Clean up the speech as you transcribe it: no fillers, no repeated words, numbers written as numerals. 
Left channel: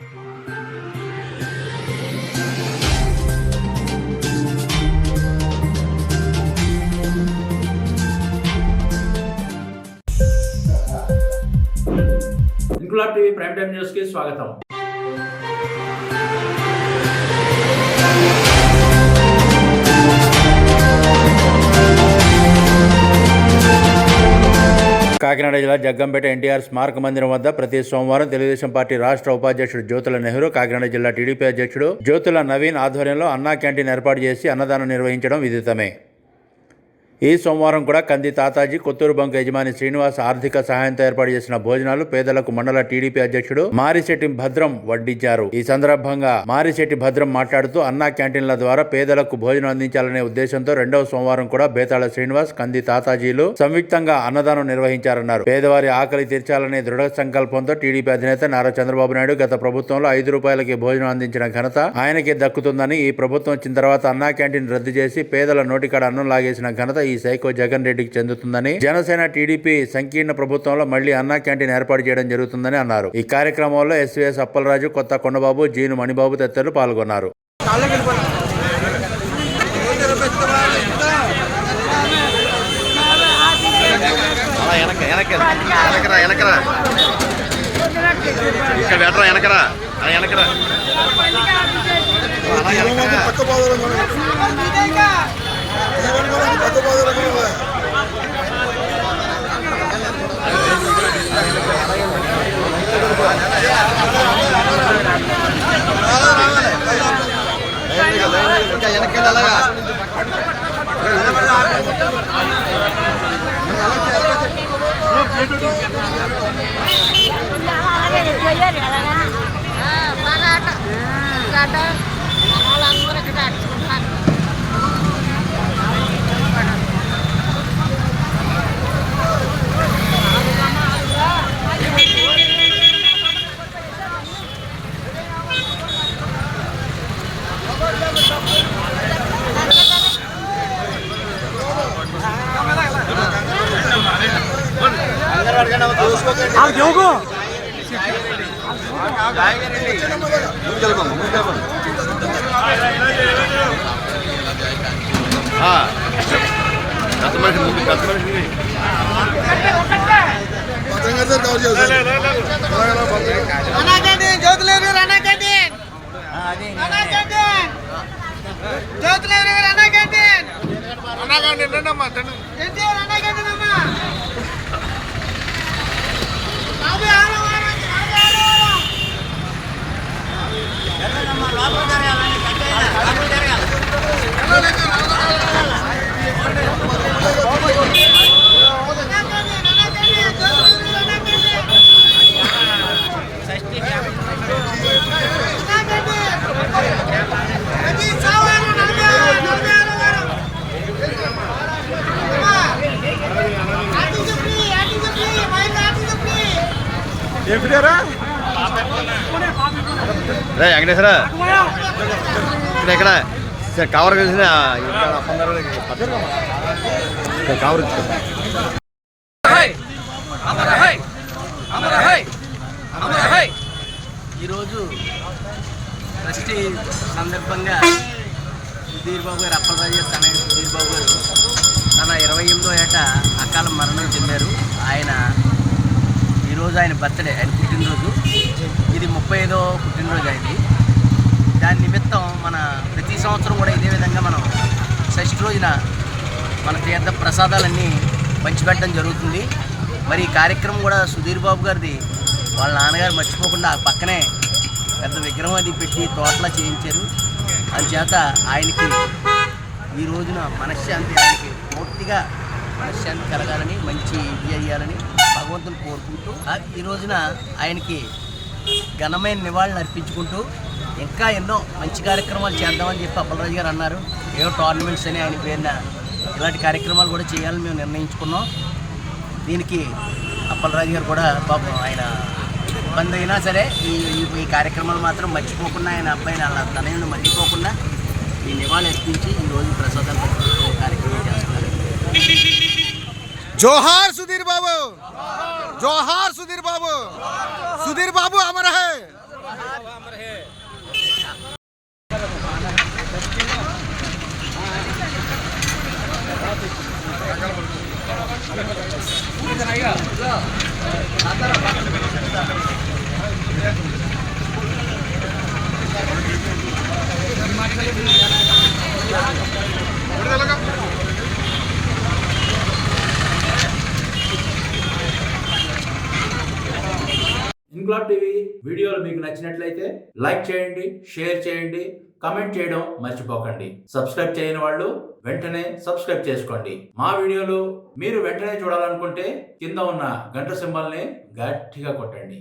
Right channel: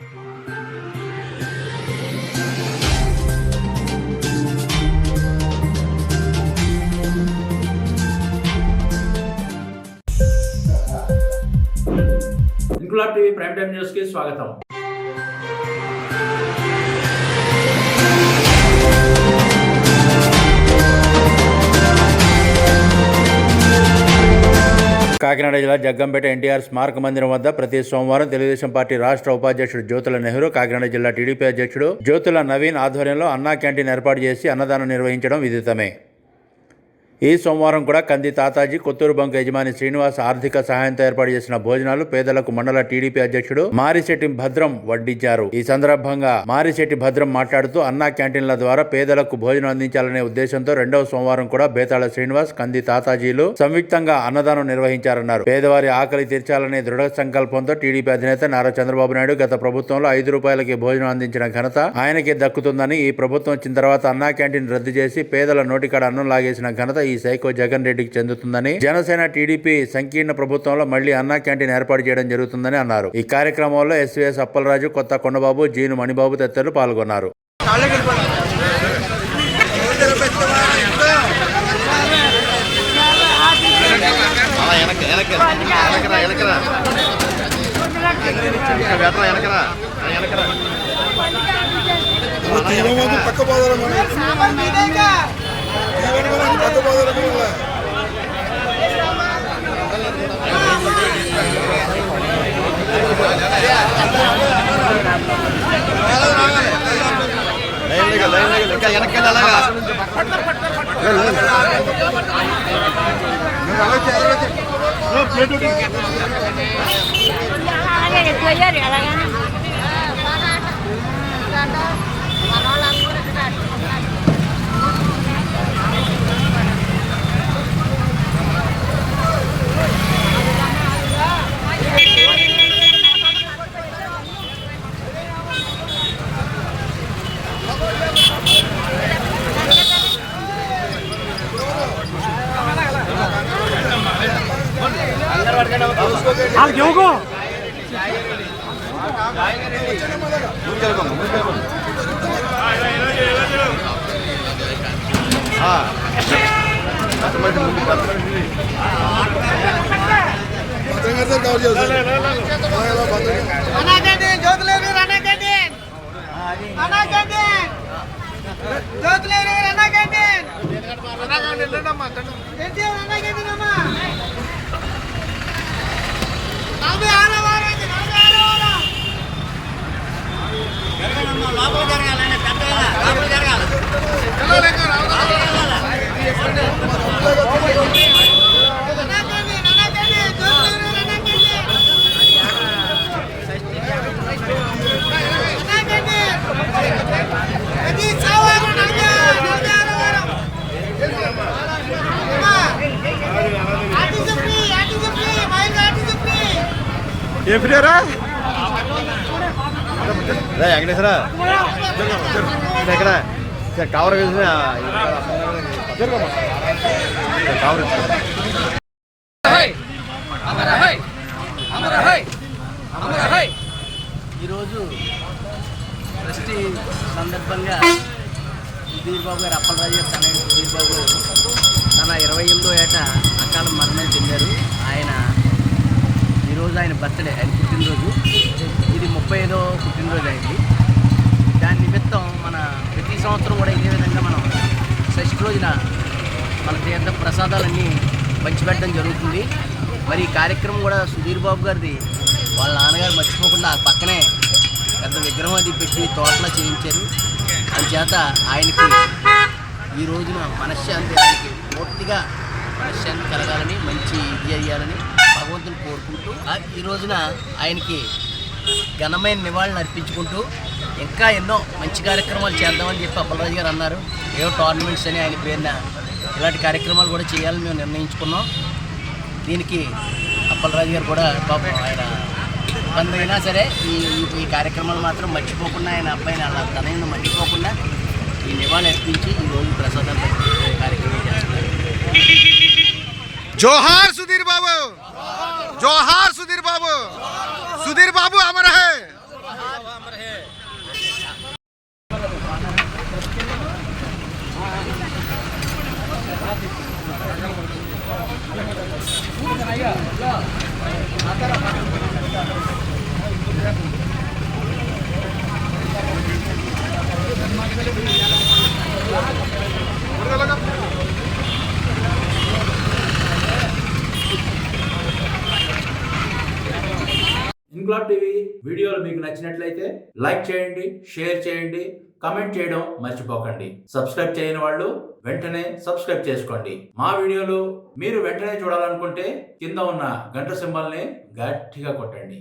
Inquilab TV prime time news కి స్వాగతం. కాకినాడ జిల్లా జగ్గంపేట ఎన్టీఆర్ స్మారక మందిరం వద్ద ప్రతి సోమవారం తెలుగుదేశం పార్టీ రాష్ట్ర ఉపాధ్యక్షుడు జ్యోతుల నెహ్రూ, కాకినాడ జిల్లా టీడీపీ అధ్యక్షుడు జ్యోతుల నవీన్ ఆధ్వర్యంలో అన్నా క్యాంటీన్ ఏర్పాటు చేసి అన్నదానం నిర్వహించడం విదితమే. ఈ సోమవారం కూడా కంది తాతాజీ, కొత్తూరు బంక్ యజమాని శ్రీనివాస్ ఆర్థిక సహాయంతో ఏర్పాటు చేసిన భోజనాలు పేదలకు మండల టీడీపీ అధ్యక్షుడు మారిశెట్టి భద్రం వడ్డించారు. ఈ సందర్భంగా మారిశెట్టి భద్రం మాట్లాడుతూ అన్నా క్యాంటీన్ల ద్వారా పేదలకు భోజనం అందించాలనే ఉద్దేశంతో రెండవ సోమవారం కూడా బేతాళ శ్రీనివాస్, కంది తాతాజీలు సంయుక్తంగా అన్నదానం నిర్వహించారన్నారు. పేదవారి ఆకలి తీర్చాలనే దృఢ సంకల్పంతో టీడీపీ అధినేత నారా చంద్రబాబు నాయుడు గత ప్రభుత్వంలో 5 రూపాయలకి భోజనం అందించిన ఘనత ఆయనకే దక్కుతుందని, ఈ ప్రభుత్వం వచ్చిన తర్వాత అన్నా క్యాంటీన్ రద్దు చేసి పేదల నోటికాడ అన్నం లాగేసిన ఘనత ఈ సైకో జగన్ రెడ్డికి చెందుతుందని, జనసేన టీడీపీ సంకీర్ణ ప్రభుత్వంలో మళ్లీ అన్నా క్యాంటీన్ ఏర్పాటు చేయడం జరుగుతుందని అన్నారు. ఈ కార్యక్రమంలో ఎస్వీఎస్ అప్పలరాజు, కొత్త కొండబాబు, జీను మణిబాబు తదితరులు పాల్గొన్నారు. వెంకటేశ్వర ఇక్కడ కవర్ కలిసిన ఈరోజు ట్రస్టీ సందర్భంగా సుధీర్ బాబు గారు, అప్పలరాజు గారు తనయుడు సుధీర్ బాబు గారు తన 28వ ఏట అకాల మరణం చెందారు. ఈరోజు ఆయన బర్త్డే, ఆయన పుట్టినరోజు. ఇది 35వ పుట్టినరోజు అయింది. దాని నిమిత్తం మన ప్రతి సంవత్సరం కూడా ఇదే విధంగా మనం షష్ఠి రోజున మన తీర్థ ప్రసాదాలన్నీ పంచిపెట్టడం జరుగుతుంది. మరి ఈ కార్యక్రమం కూడా సుధీర్ బాబు గారిది వాళ్ళ నాన్నగారు మర్చిపోకుండా ఆ పక్కనే పెద్ద విగ్రహం అది పెట్టి తోటలా చేయించారు. అందుచేత ఆయనకి ఈ రోజున మనశ్శాంతి, ఆయనకి పూర్తిగా మనశ్శాంతి కలగాలని, మంచి చేయాలని భగవంతుని కోరుకుంటూ ఈ రోజున ఆయనకి ఘనమైన నివాళులు అర్పించుకుంటూ ఇంకా ఎన్నో మంచి కార్యక్రమాలు చేద్దామని చెప్పి అప్పలరాజు గారు అన్నారు. ఏవో టోర్నమెంట్స్ అని ఆయన పేరున ఇలాంటి కార్యక్రమాలు కూడా చేయాలని మేము నిర్ణయించుకున్నాం. దీనికి అప్పలరాజు గారు కూడా పాపం ఆయన ఇబ్బంది అయినా సరే ఈ కార్యక్రమాలు మాత్రం మర్చిపోకుండా, ఆయన అబ్బాయిని అలా తనయుని మర్చిపోకుండా ఈ నివాళులు అర్పించి ఈరోజు ప్రసాదాలు పంచే కార్యక్రమం చేస్తున్నారు. జోహార్ సుధీర్ బాబు, జోహార్ సుధీర్ బాబు, సుధీర్ బాబు అమర్ హై. ఇంక్లాబ్ టీవీ వీడియోలు మీకు నచ్చినట్లయితే లైక్ చేయండి, షేర్ చేయండి, కమెంట్ చేయడం మర్చిపోకండి. సబ్స్క్రైబ్ చేయని వాళ్ళు వెంటనే సబ్స్క్రైబ్ చేసుకోండి. మా వీడియోలు మీరు వెంటనే చూడాలనుకుంటే కింద ఉన్న గంట సింబల్ని గట్టిగా కొట్టండి.